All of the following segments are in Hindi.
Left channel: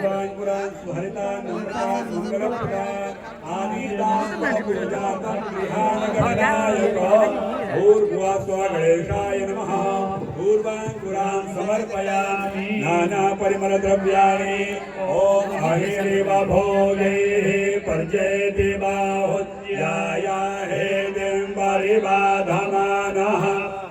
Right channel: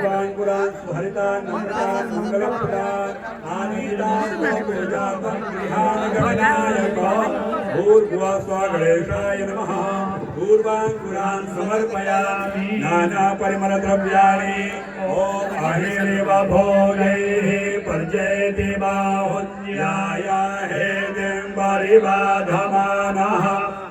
पूर्वान् पुरान् सुहरितान् नम्रतान् मङ्गलप्रदान् आनीतान् पूजातान् गणानायक भूर्भुवः स्वः गणेशाय नमः पूर्वान् पुरान् समर्पयामि नाना परिमलद्रव्याणि ॐ अहेरेव भोगैः पर्जयति बाहुल्याय हेदिम्बरिबाधमानः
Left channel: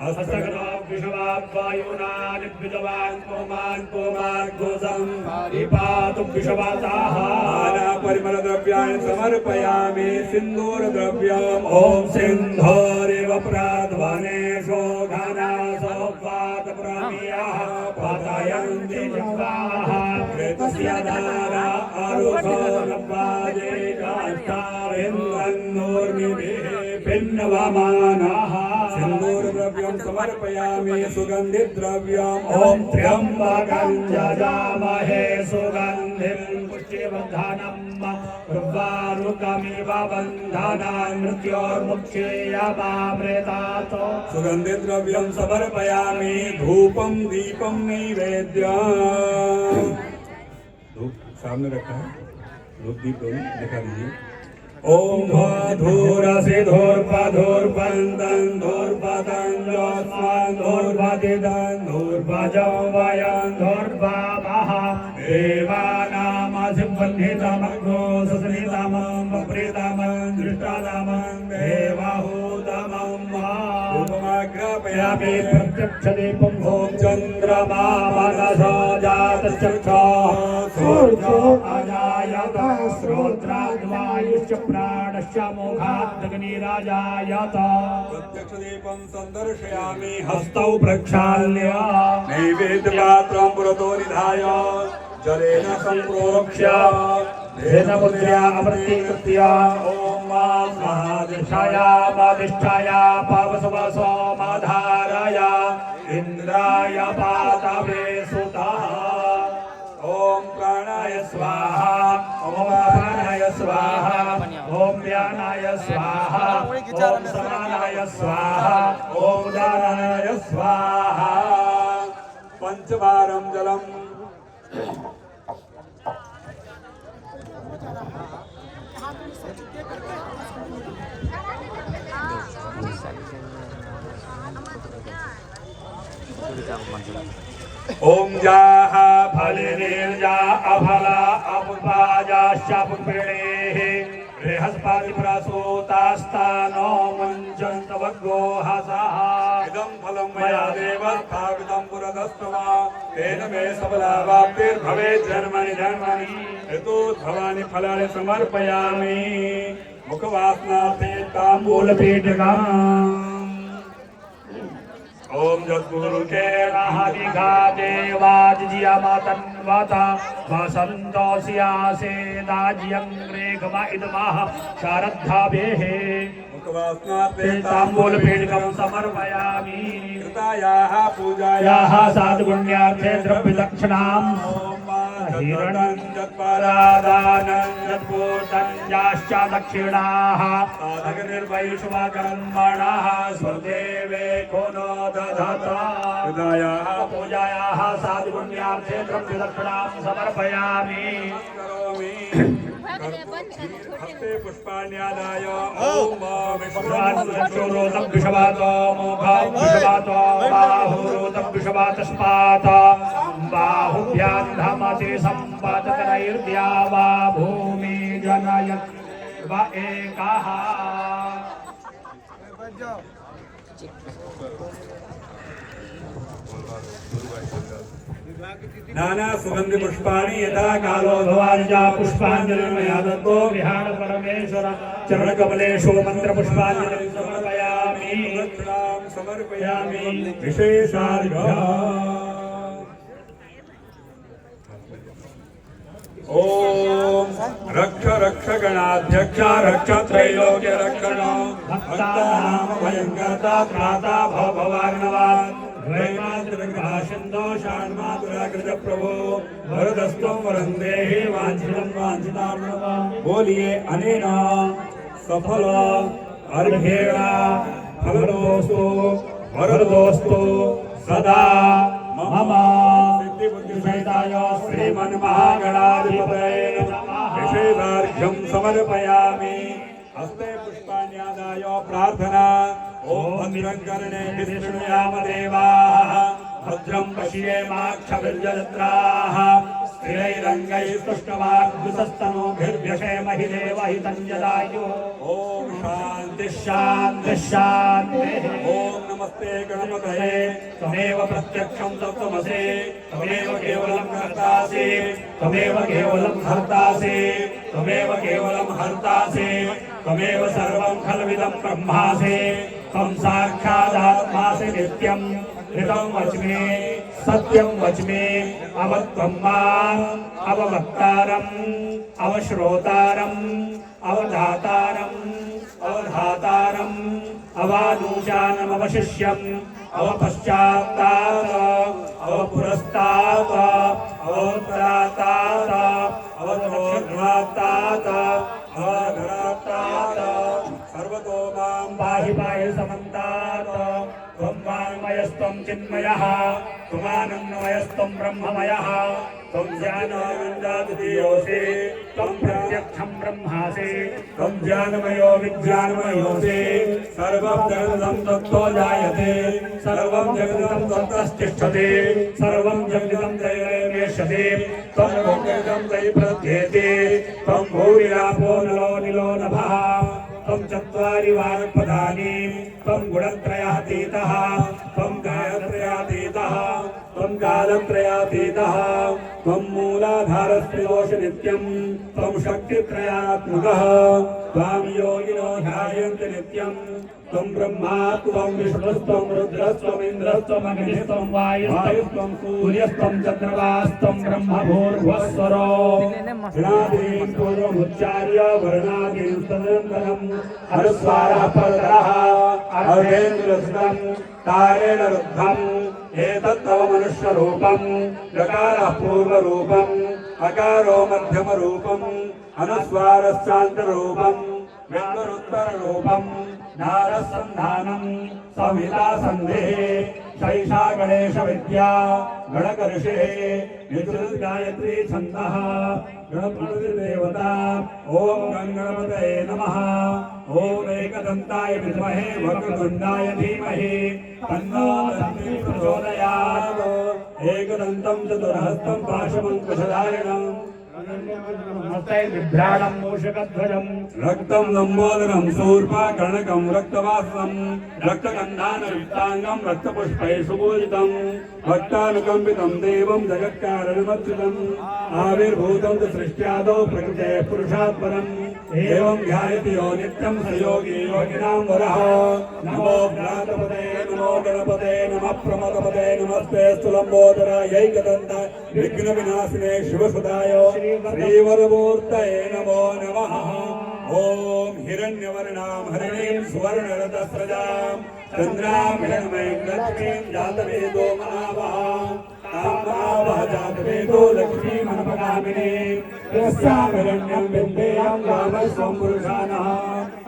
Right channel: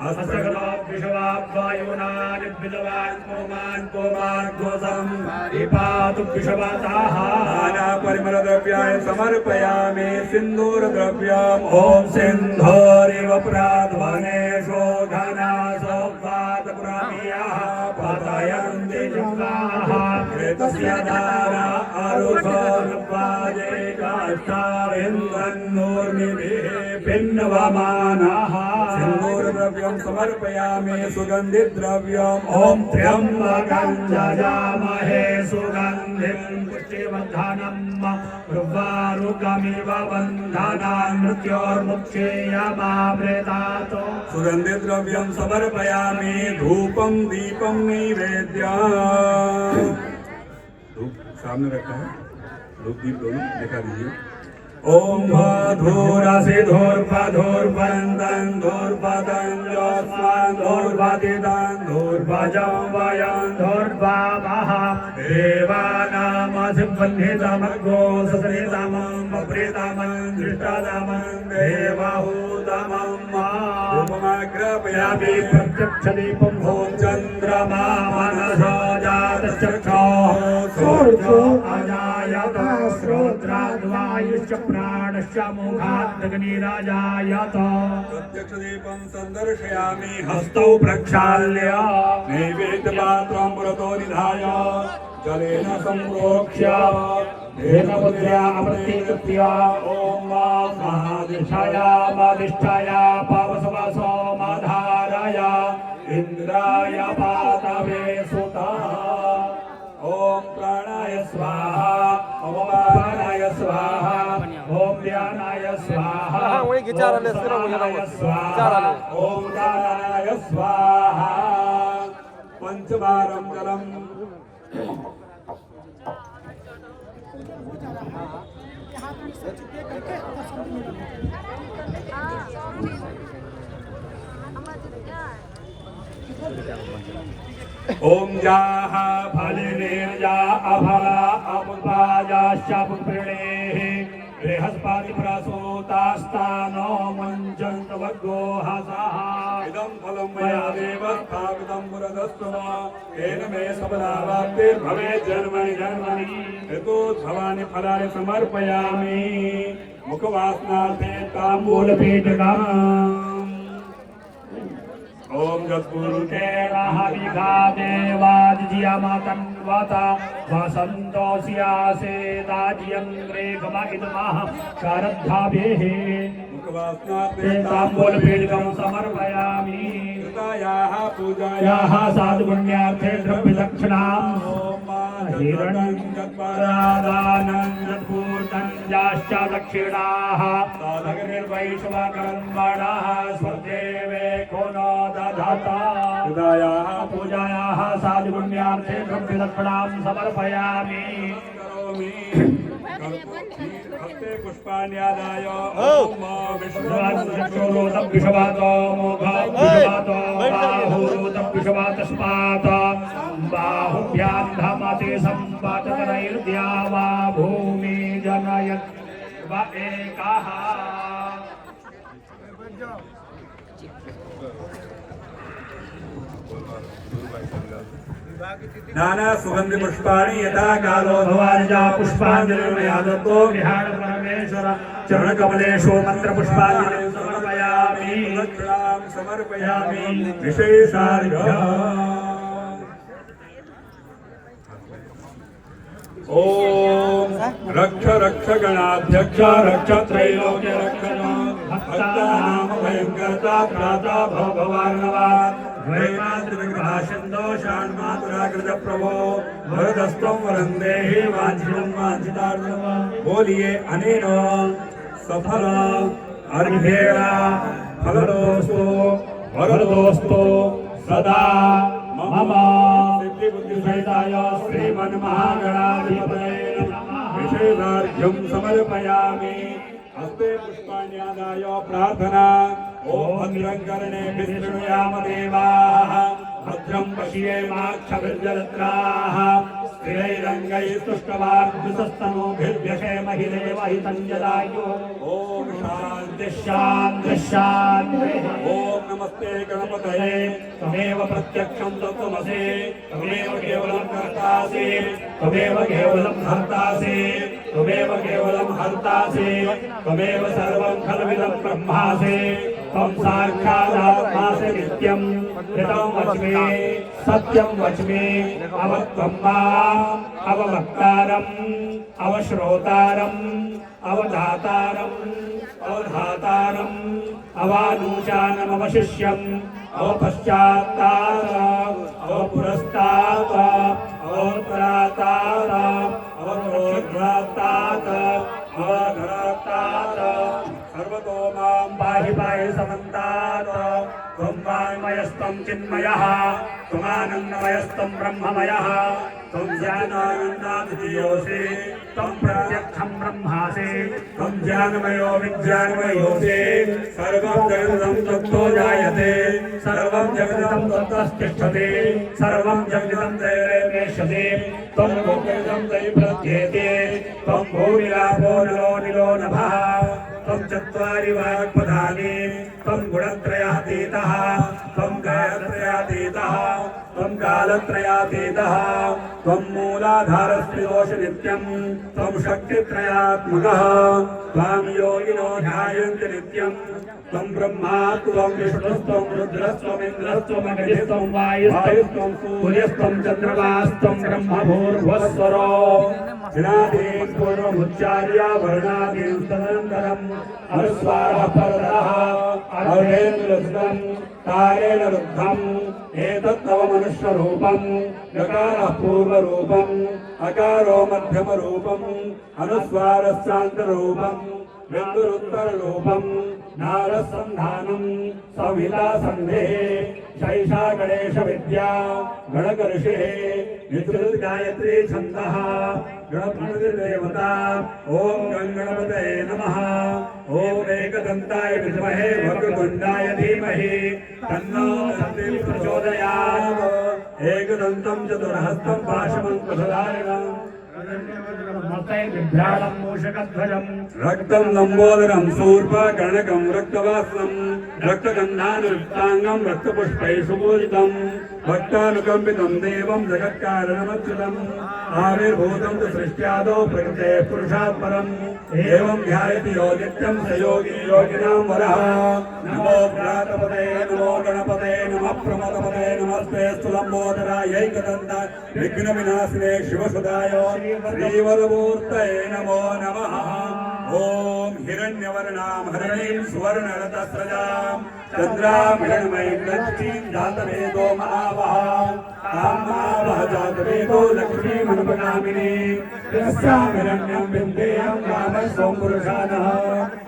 हस्तगतो विषवायुनानि विद्वान् पुमान् पुमान् घोषं विपातु विषवासाः नाना परिमलद्रव्याणि समर्पयामि सिन्दूरद्रव्यम् ॐ सिन्धोरिव प्राध्वने शोधना सौवातपुरामियाः पतयन्ति जिह्वाः कृतस्य धारा अरुधो नवाजे काष्ठाविन्दन्नूर्मिभिः भिन्नवमानाः सिन्दूरद्रव्यं समर्पयामि सुगन्धिद्रव्यम् ॐ त्र्यम्बकं यजामहे सुगन्धिं पुष्टिवर्धनम् उर्वारुकमिव बन्धनान् मृत्योर्मुक्षीयमामृतात् सुगन्धिद्रव्यं समर्पयामि धूपं दीपं नैवेद्यम् धूप सामने रखा है धूप दीप दोनों दिखा दीजिए ओम धूरसि धूर्पधूर्पन्दं धूर्पदं योस्मान् धूर्पदिदं धूर्भजं वयं धूर्भावः देवानामधिपन्नितमर्गो सुसनितमं वप्रितमं दृष्टतमं देवहूतमं रूपमाग्रापयामि प्रत्यक्षदीपं ॐ चन्द्रमा मनसो जातश्चक्षुः सूर्यो अजायत श्रोत्राद्वायुश्च प्राणश्च मोघादग्निराजायत प्रत्यक्षदीपं सन्दर्शयामि हस्तौ प्रक्षाल्य नैवेद्यपात्रं पुरतो निधाय जलेन सम्प्रोक्ष्य भेदमुद्र्या प्रतीकृत्य ॐ स्वादिष्ठाय पवसवसोमधारय इन्द्राय पातवे सुता ॐ प्राणाय स्वाहा ॐ अपानाय स्वाहा ॐ व्यानाय स्वाहा ॐ समानाय स्वाहा ॐ दानाय स्वाहा पंचवारं जलम् ओम जाः फलिनीर्जा अफला अपुपाजाश्च पुपेणेः बृहस्पति प्रसूतास्तानो मुञ्चन्तु वर्गोहसः इदं फलं मया देव स्थापितं पुरतस्त्वं तेन मे सबलावाप्तिर्भवेत् जन्मनि जन्मनि यतोऽध्वानि फलानि समर्पयामि मुखवासनार्थे ताम्बूलपीठिकाम् ओम जत्पुरुके महाविघा देवाजियामतन्वत वसन्तोऽस्यासे दाज्यं रेगम इदमः शारद्धाभिः मुखवासनार्थे ताम्बूलपीठिकां समर्पयामि कृतायाः पूजायाः साधुपुण्यार्थे द्रव्यदक्षिणाम् हिरणं जत्परादानं जत्पूर्तं याश्च दक्षिणाः साधकनिर्वैश्वाकर्मणः स्वदेवे को न दधत कृतायाः पूजायाः साधुपुण्यार्थे द्रव्यदक्षिणां समर्पयामि हस्ते पुष्पाण्यादाय ओम विश्वासोरोतं विश्वातो मोघं विश्वातो बाहुरोतं विश्वातस्मात् बाहुभ्यां धमते सम्पादकरैर्द्या वा भूमि जनयत् व एकः नाना सुगंधि पुष्पाणि यथा कालो भवानिजा पुष्पांजलिर्मया दत्तो विहार परमेश्वर चरण कमलेषु मंत्र पुष्पांजलिं समर्पयामि दक्षिणां समर्पयामि विशेषार्घ्यम् ओम रक्ष रक्ष गणाध्यक्ष रक्ष त्रैलोक्य रक्षक भक्तानां भयंकरता त्राता भवार्णवात् द्वैमात्रविग्रहाशन्दो षाण्मातुराकृत प्रभो वरदस्त्वं वरं देहि वाञ्छितं वाञ्छितार्थं बोलिए अनेन सफल अर्घ्येण फलदोस्तु वरदोस्तु सदा मम बुद्धिसहिताय श्रीमन्महागणाधिपतये नमः विशेषार्घ्यं समर्पयामि हस्ते पुष्पाण्यादाय प्रार्थना ॐ भद्रं कर्णेभिः शृणुयाम देवाः भद्रं पश्येमाक्षभिर्जत्राः स्थिरैरङ्गैस्तुष्टवाग्निस्तनूभिर्व्यशेमहि देवहितं जदायुः ॐ शान्ति शान्ति शान्तिः ॐ नमस्ते गणपतये त्वमेव प्रत्यक्षं तत्त्वमसि त्वमेव केवलं कर्तासि त्वमेव केवलं हर्तासि त्वमेव केवलं हर्तासि त्वमेव सर्वं खल्विदं ब्रह्मासि त्वं साक्षादात्मासि नित्यं ऋतं वच्मि सत्यं वच्मि अवत्वं माम् अववक्तारम् अवश्रोतारम् अवधातारम् अवधातारम् अवानूचानम् अवशिष्यम् अवपश्चात्तात् अवपुरस्तात् अवपरातात् अवतोर्ध्वातात् अवघरातात् सर्वतो मां पाहि पाहि समन्तात् त्वं वाङ्मयस्त्वं चिन्मयः त्वमानन्दमयस्त्वं ब्रह्ममयः त्वं ज्ञानानन्दाद्वितीयोऽसि त्वं प्रत्यक्षं ब्रह्मासि त्वं ज्ञानमयो विज्ञानमयोऽसि सर्वं जगदिदं तत्तो जायते सर्वं जगदिदं तत्तस्तिष्ठति सर्वं जगदिदं दैवेनेष्यति त्वं जगदिदं दैप्रत्येति त्वं भूमिरापो नलो निलो नभः त्वं चत्वारि वाक्पदानि त्वं गुणत्रयातीतः त्वं कालत्रयातीतः त्वं कालत्रयातीतः त्वं मूलाधारस्त्रिदोष नित्यं त्वं शक्तित्रयात्मकः त्वां योगिनो ध्यायन्ति नित्यं त्वं ब्रह्मा त्वं विष्णुस्त्वं रुद्रस्त्वं इन्द्रस्त्वं अग्निस्त्वं वायुस्त्वं सूर्यस्त्वं चन्द्रमास्त्वं ब्रह्मभूर्भुवस्वरो विनादीन् पूर्वमुच्चार्य वर्णादीन् तदनन्तरम् अनुस्वारः परतः अहेन्द्रसुतं तारेण रुद्धम् एतत्तव मनुष्यरूपम् नकारः पूर्णरूपम् अकारो मध्यमरूपम् अनुस्वारश्चान्तरूपम् मृत्युरुत्तररूपम् नारसन्धानम् संहितासन्धिः शैषा गणेशविद्या गणकऋषिः नित्युर्गायत्री छन्दः गणपतिर्देवता ॐ गणपतये नमः ॐ एकदन्ताय विद्महे वक्रतुण्डाय धीमहि तन्नो दन्तिः प्रचोदयात् एकदन्तं चतुर्हस्तं पाशमङ्कुशधारिणम् बिभ्राणं मूषकध्वजं रक्तं लम्बोदरं शूर्पकर्णकं रक्तवासं रक्तगन्धानुयुक्ताङ्गं रक्तपुष्पैः पूजितं भक्तानुकम्पितं देवं जगत्कारणमच्युतम् आविर्भूतं च सृष्ट्यादौ प्रकृतेः पुरुषात् परम् एवं ध्यायति यो नित्यं स योगी योगिनां वरः नमो भ्रातपते नमो गणपते नमः प्रमोदपते नमस्ते स्तुलम्बोदरायैकदन्ताय विघ्नविनाशिने शिवसुताय श्रीवरमूर्तये नमो नमः ॐ हिरण्यवर्णां हरिणीं सुवर्णरथस्रजां चन्द्रां हिरण्मयीं लक्ष्मीं जातवेदो महावहां आम्नावः जातवेदो लक्ष्मीमनुपगामिनीं यस्यां हिरण्यं विन्देयं रामस्वं पुरुषानः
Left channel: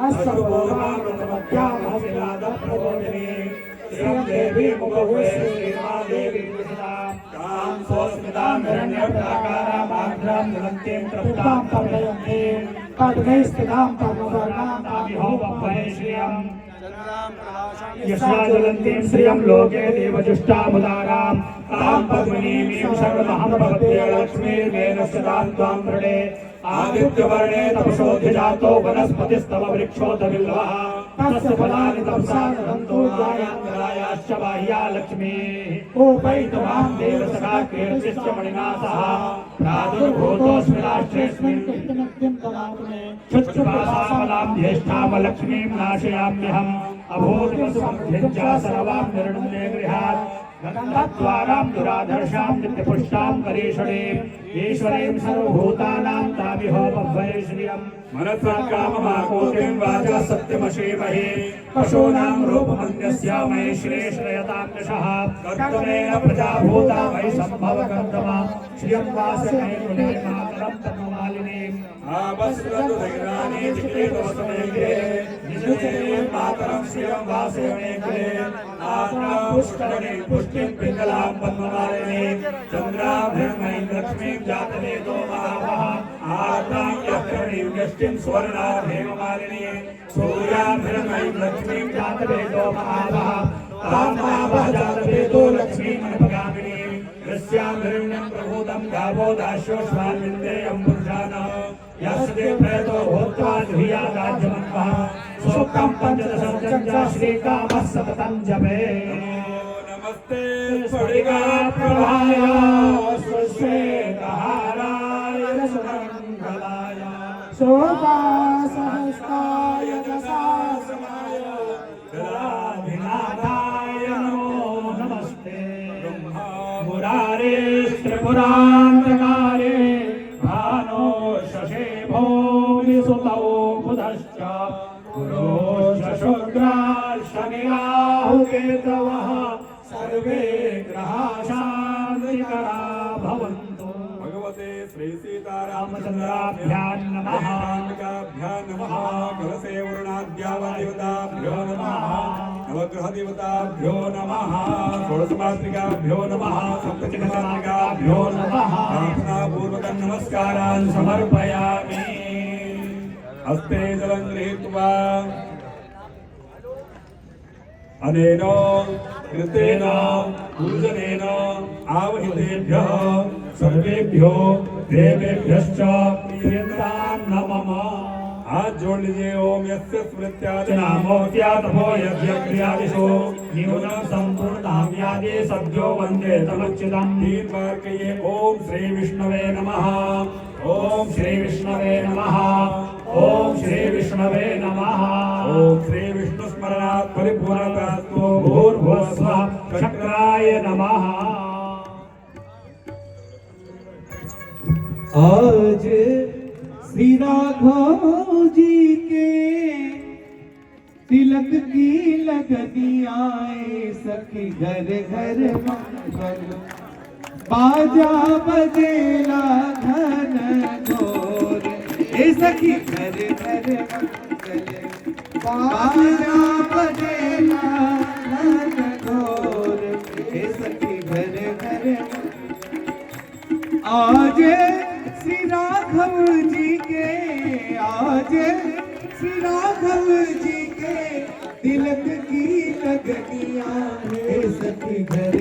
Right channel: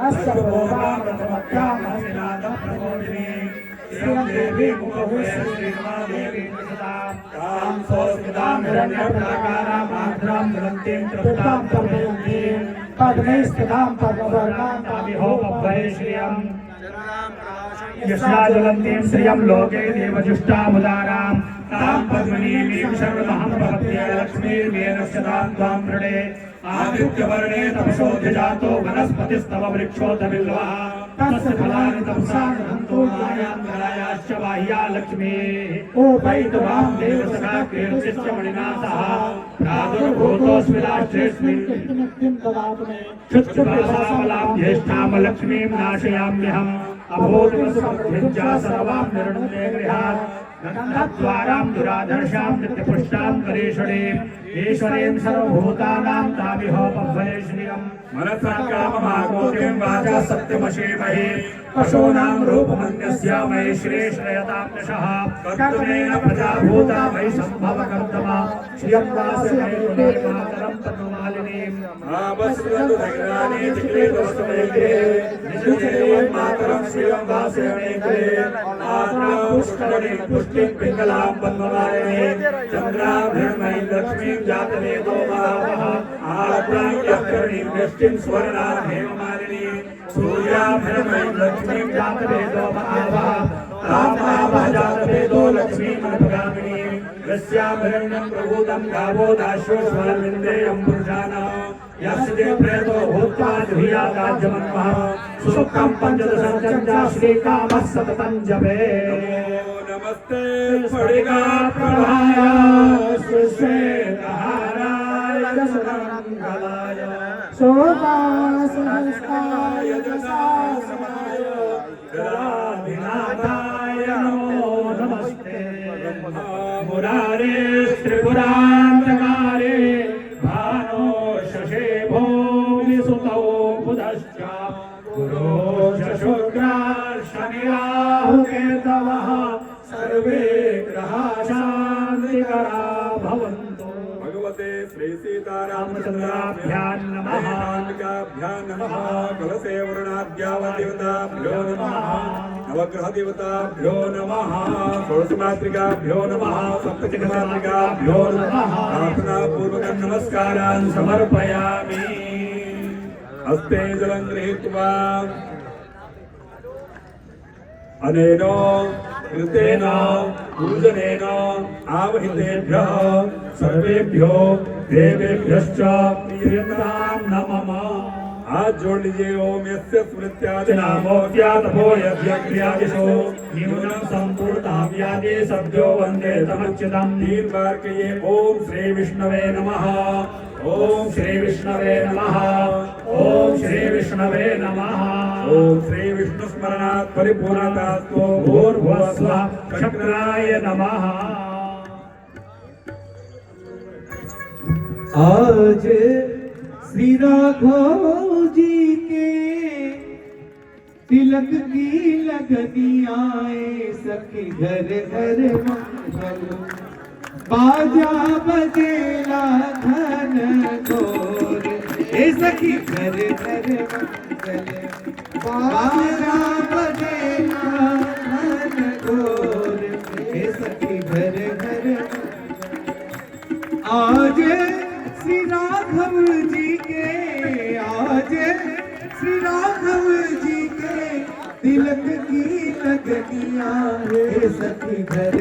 अष्टभोगां प्रथमत्यां हसिनादं प्रबोधिनीं श्रियं देवी मुखभूषे श्रीमादेवी कां स्वस्मितां हिरण्यप्रकारां आर्द्रां ज्वलन्तीं तप्तां तमयन्तीं पद्मैः स्थितां पद्मवर्णां ताभिहो बभ्वये श्रियं यशा ज्वलन्तीं श्रियं लोके देवजुष्टामुदारां तां पद्मिनीं शर्महं भवत्ये लक्ष्मीर्मेनश्चतां त्वां वृणे आदित्यवर्णे तपसोऽधिजातो वनस्पतिस्तव वृक्षोऽधबिल्वः तस्य फलानि तपसा गृह्णन्तो जायाश्च बाह्या लक्ष्मीः उपैतुरां देवसखा कीर्तिश्च मणिना सह प्रादुर्भूतोऽस्मि राष्ट्रेऽस्मिन् शुच्छुभासाफलां ज्येष्ठां लक्ष्मीं नाशयाम्यहम् अभूतिमसमभ्यज्या सर्वां निर्णये गृहात् गन्धद्वारां दुराधर्षां नित्यपुष्टां करीषणीम् ईश्वरीं सर्वभूतानां ताभिहो बभ्वये श्रियम् मनसा काममाकोटिं वाचा सत्यमशीमहि पशूनां रूपमन्यस्यामहि श्रीश्रयतां यशः कर्तमेन प्रजाभूता मयि सम्भवकर्तमा श्रियं वासने गुणामातरं पद्ममालिनीं आवस्वदुदैरानि चिक्रीदोस्तुमेघे निजुदेवं मातरं श्रियं वासने गृहे आत्रा पुष्करणीं पुष्टिं पिङ्गलां पद्ममालिनीं चंद्राभरणमयी लक्ष्मीं जातवेदो महावः आद्राक्यकर्णीं वृष्टिं स्वर्णां हेममालिनीं सूर्याभरणमयी लक्ष्मीं जातवेदो महावः तामावः जातवेदो लक्ष्मीमनुपगामिनीं यस्याभरण्यं प्रभूतं गावो दाश्वश्वामिन्द्रेयं पुरुषाणां यस्य प्रेतो भूत्वा ध्यायादाज्यमन्वः सुखं पंचदशर्जं च श्रीकामः सततं जपे नमस्ते स्फटिकाप्रभाय सुश्वेतहाराय सुगन्धलाय शोभासहस्राय जसासनाय गदाभिनाथाय नमो नमस्ते मुरारे त्रिपुरान्तकारे भानो शशे भूमिसुतौ बुधश्च गुरो शशुक्राशनिराहुकेतवः सर्वे ग्रहा शान्तिकरा भवन्तु। भगवते श्री सीतारामचन्द्राभ्यां नमः। काभ्यां नमः। कलशे वर्णाद्यावदेवताभ्यो नमः। नवग्रह देवताभ्यो नमः। षोडशमातृकाभ्यो नमः। सप्तचक्रमातृकाभ्यो नमः। प्रार्थनापूर्वकं नमस्कारान् समर्पयामि। हस्ते जलं गृहीत्वा अनेन कृतेन पूजनेन आवहितेभ्यः सर्वेभ्यो देवेभ्यश्च प्रियतां नमः। हाथ जोड़ लीजिए। ओम यस्य स्मृत्यादि नामोऽप्यातभो यज्ञादिषु न्यूनं सम्पूर्णां यादे सद्यो वन्दे तमच्युतं। 3 बार कहिए ओम श्री विष्णवे नमः। ओम श्री विष्णवे नमः। ओम श्री विष्णवे नमः। ओम श्री विष्णु स्मरणात् परिपूर्णतास्तु भूर्भुवस्वः चक्राय नमः। आज श्री राघव जी के तिलक की लगनी आए सखी घर घर मंगल बाजा बजेला धन घोर ए सखी घर घर मंगल बाजा बजेला धन घोर ए सखी घर घर आज श्री राघव जी के आज श्री राघव जी के तिलक की लगनियां है सखी घर